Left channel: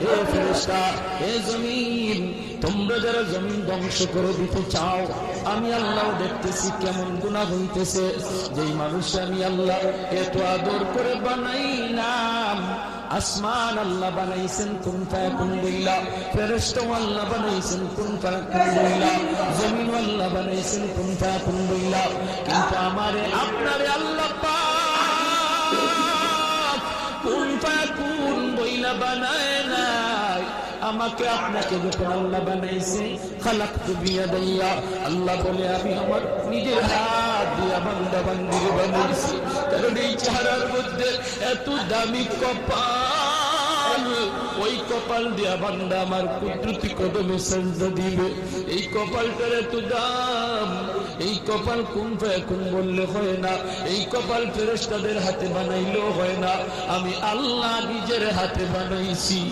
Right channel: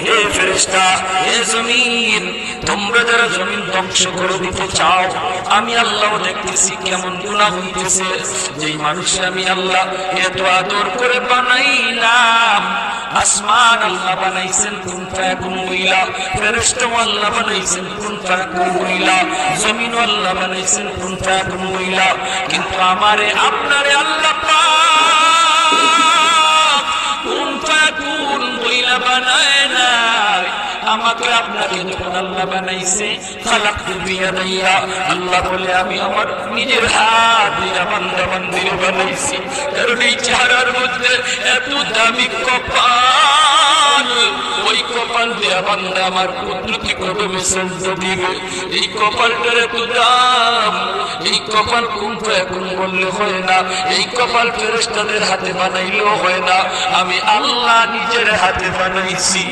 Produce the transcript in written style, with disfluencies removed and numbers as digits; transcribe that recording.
হে ফেরেশতা, হে জমিন, তোমরা যারা জমিন ধ্বংস করে দিতে চাও, আমি আল্লাহ দেখতেছি কেমন গুনাহ হইতেছে। যে মানুষ আমি আল্লাহ এত আদর করে বানাইলাম, আসমান আল্লাহ বানাইছেন কুন ফায়াকুন বইলা, ফেরেশতা আল্লাহ বানাইছেন কুন ফায়াকুন বইলা, জমিন আল্লাহ বানাইছেন কুন ফায়াকুন বইলা, কিন্তু আমারে আপনারে আল্লাহ পাক কুন ফায়াকুন বইলা বানায় না। আমাকে আপনাকে যখন আল্লাহ বানাইছে, খালাকতু বিয়াদাইয়া, আল্লাহ বলে আমি আমার নিজের হাত দিয়ে বান্দা বান্দিকে বানাইছি। কারণ এই চেহারার মধ্যে এত দামি কপাল, ওই কপাল দিয়ে বান্দা আমার কুদরতি কদমে সেজদা দিবে। এই কপালটার এত দাম, এই কপাল কুন ফায়াকুন বললে হয় না, এই কপাল ফেরেশতাদের হাতে বানাইলেও হয় না, আমি আল্লাহ নিজের হাতে বানাইছি।